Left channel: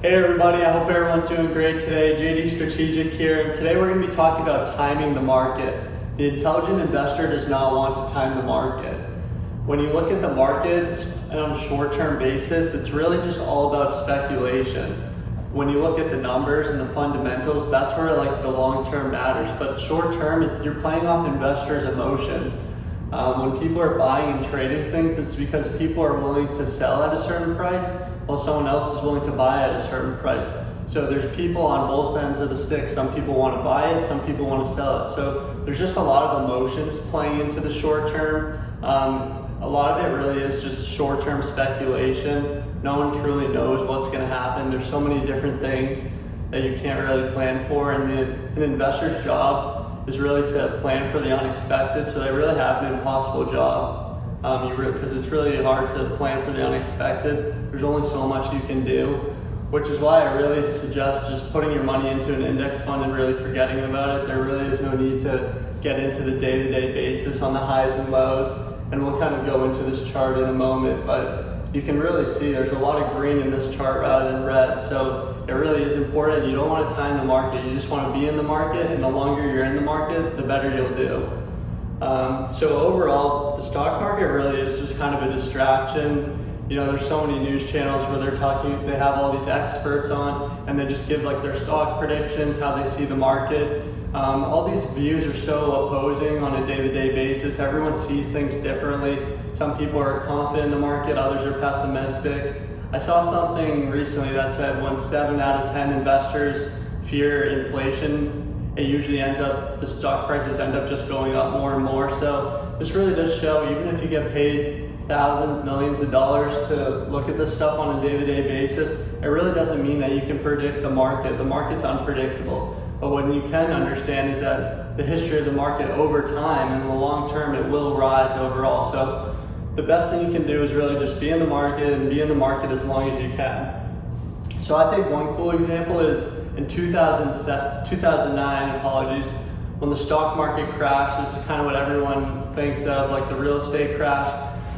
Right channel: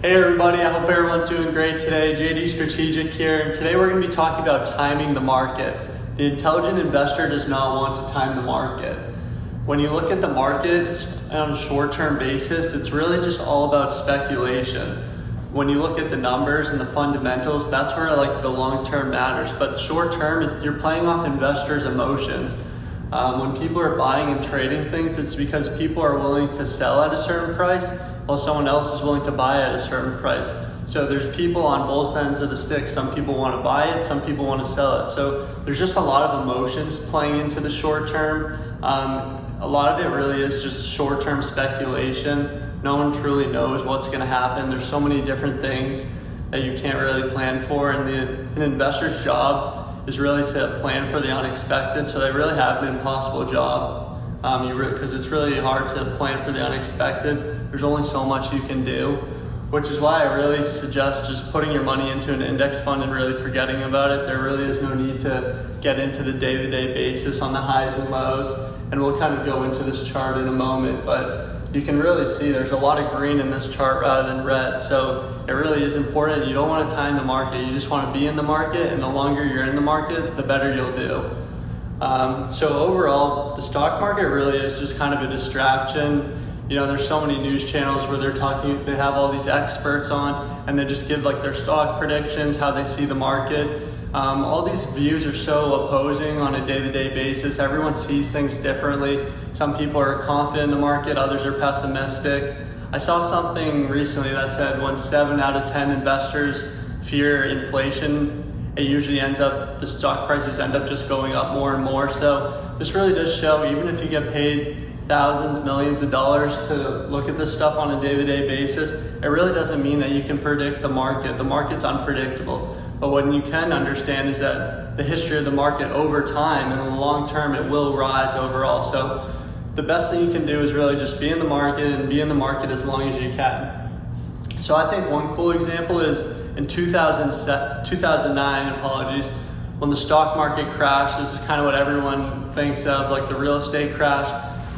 Hey everybody, I hope everyone's doing great today. JD Strategic here, and today we're going to be talking about timing the market. The intelligent investor does not want to time the market. When you look at the market on a short-term basis, it's really just all about speculation. When you look at the numbers and the fundamentals, that's where the long-term matters. But short-term, you're playing off investors' emotions. When people are buying and trading things, it's because people are willing to sell at a certain price while someone else is willing to buy at a certain price. So there's people on both ends of the stick. Some people want to buy it, some people want to sell it. So there's just a lot of emotions playing into the short term. A lot of it really is just short-term speculation. No one truly knows what's going to happen. There's so many different things that you can't really plan for, and an investor's job is really to plan for the unexpected. So they really have an impossible job. Because it's really hard to plan for the unexpected. There's only so much you can do, which is why I really suggest just putting your money into an index fund and really forgetting about it. There really is no need to get into the day-to-day basis on the highs and lows, and we'll kind of go into this chart in a moment, but you can really see there's a lot of green in this chart rather than red, so it really is important. You don't want to time the market, you just want to be in the market, and the longer you're in the market, the better you'll do. So overall, the stock market really is just kind of a distraction. You know, there's so many news channels where they have all these experts on, and they just give their stock predictions, how they see the market. All these views are so opposing on a day-to-day basis. Everyone sees things differently. Some people are confident in the market, others are pessimistic. I saw something recently that said when 7 out of 10 investors fear inflation, it usually the stock prices end up just going up more and more. So this really does show, even if you get paid thousands, millions of dollars to look at this stuff on a day-to-day basis, it really doesn't mean that you can predict the market. The market's unpredictable. But what you can understand is that the history of the market over time, and in the long term, it will rise overall. So the best thing you can do is really just be in the market and be in the market as long as you can. So I think one cool example is in 2009, when the stock market crashed. This is kind of what everyone thinks of, like the real estate crash.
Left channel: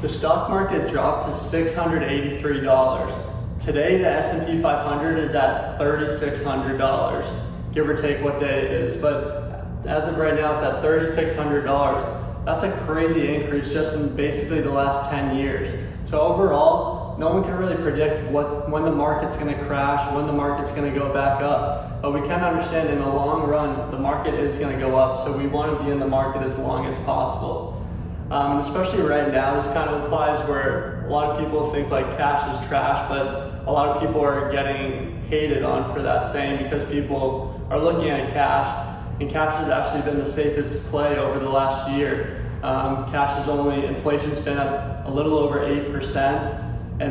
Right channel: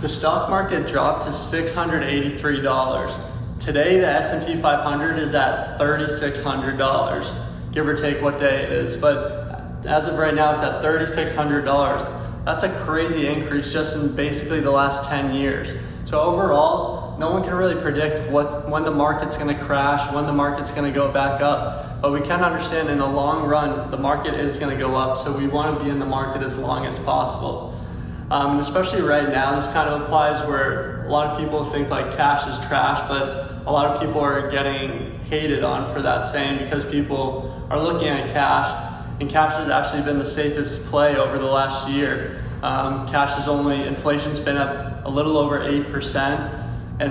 The stock market dropped to $683. Today, the S&P 500 is at $3,600, give or take what day it is. But as of right now, it's at $3,600. That's a crazy increase just in basically the last 10 years. So overall, no one can really predict when the market's going to crash, when the market's going to go back up. But we can understand in the long run, the market is going to go up. So we want to be in the market as long as possible. And especially right now, this kind of applies where a lot of people think cash is trash, but a lot of people are getting hated on for that saying because people are looking at cash, and cash has actually been the safest play over the last year. Inflation's been up a little over 8%.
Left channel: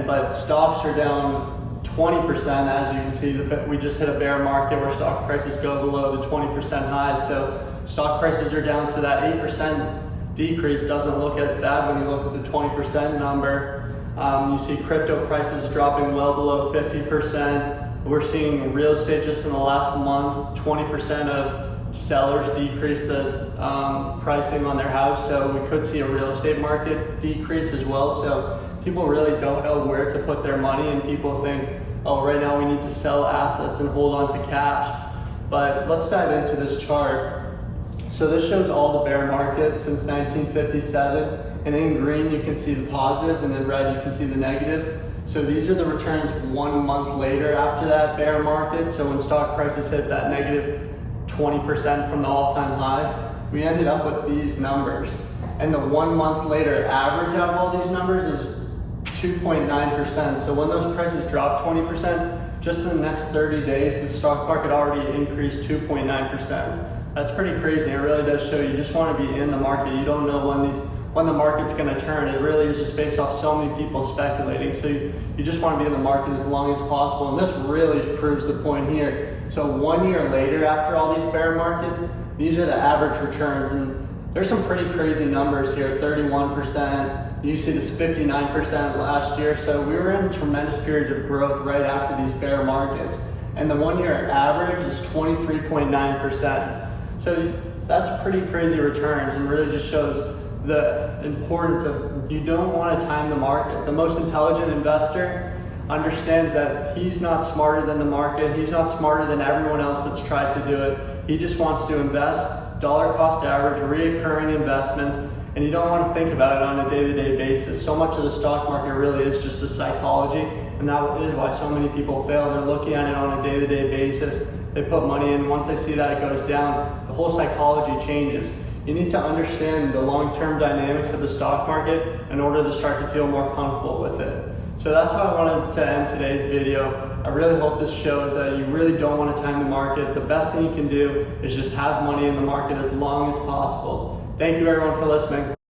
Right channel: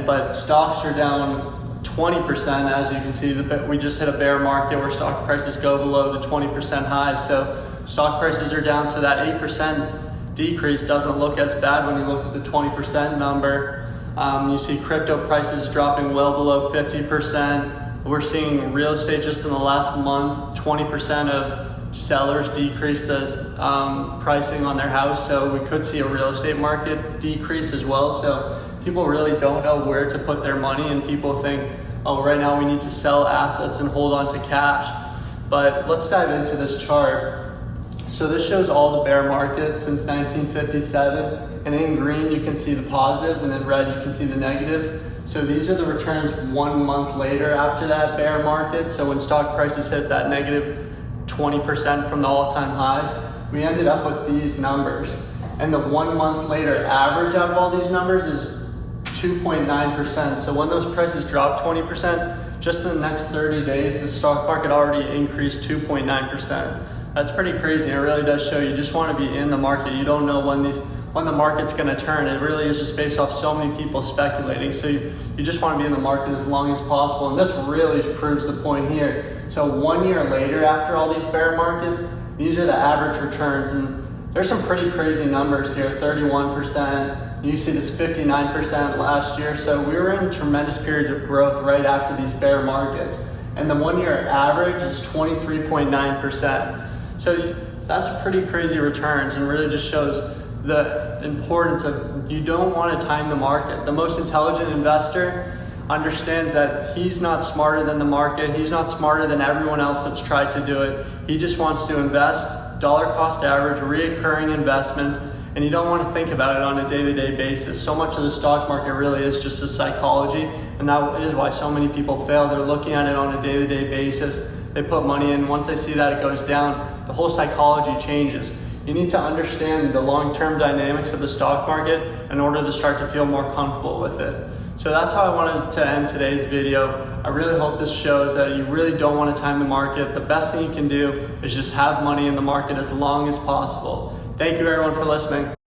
But stocks are down 20%. As you can see, we just hit a bear market where stock prices go below the 20% high. So stock prices are down, so that 8% decrease doesn't look as bad when you look at the 20% number. You see crypto prices dropping well below 50%. We're seeing real estate just in the last month, 20% of sellers decrease the pricing on their house. So we could see a real estate market decrease as well. So people really don't know where to put their money, and people think, oh, right now we need to sell assets and hold on to cash. But let's dive into this chart. So this shows all the bear markets since 1957, and in green you can see the positives, and in red you can see the negatives. So these are the returns 1 month later after that bear market. So when stock prices hit that negative 20% from the all-time high, we ended up with these numbers. And the 1 month later average out of all these numbers is 2.9%. So when those prices drop 20%, just in the next 30 days, the stock market already increased 2.9%. That's pretty crazy. It really does show you just want to be in the market. You don't know when the market's going to turn. It really is just based off so many people speculating. So you just want to be in the market as long as possible. And this really proves the point here. So 1 year later, after all these bear markets, these are the average returns. And there's some pretty crazy numbers here, 31%. You see this 59% last year. So we were in tremendous periods of growth right after these bear markets. And the 1 year average is 23.9%. So that's pretty crazy returns, and really just shows the importance of, you don't want to time the market. The most intelligent investor understands that he's not smarter than the market, he's not smarter than everyone else that's tried to do it. He just wants to invest dollar cost average, reoccurring investments, and you don't want to think about it on a day-to-day basis. So much of the stock market really is just a psychology, and that is why so many people fail. They're looking at it on a day-to-day basis. They put money in, once they see that it goes down, the whole psychology changes. You need to understand the long-term dynamics of the stock market in order to start to feel more comfortable with it. So that's how I wanted to end today's video. I really hope this shows that you really don't want to time the market. The best thing you can do is just have money in the market as long as possible. Thank you everyone for listening.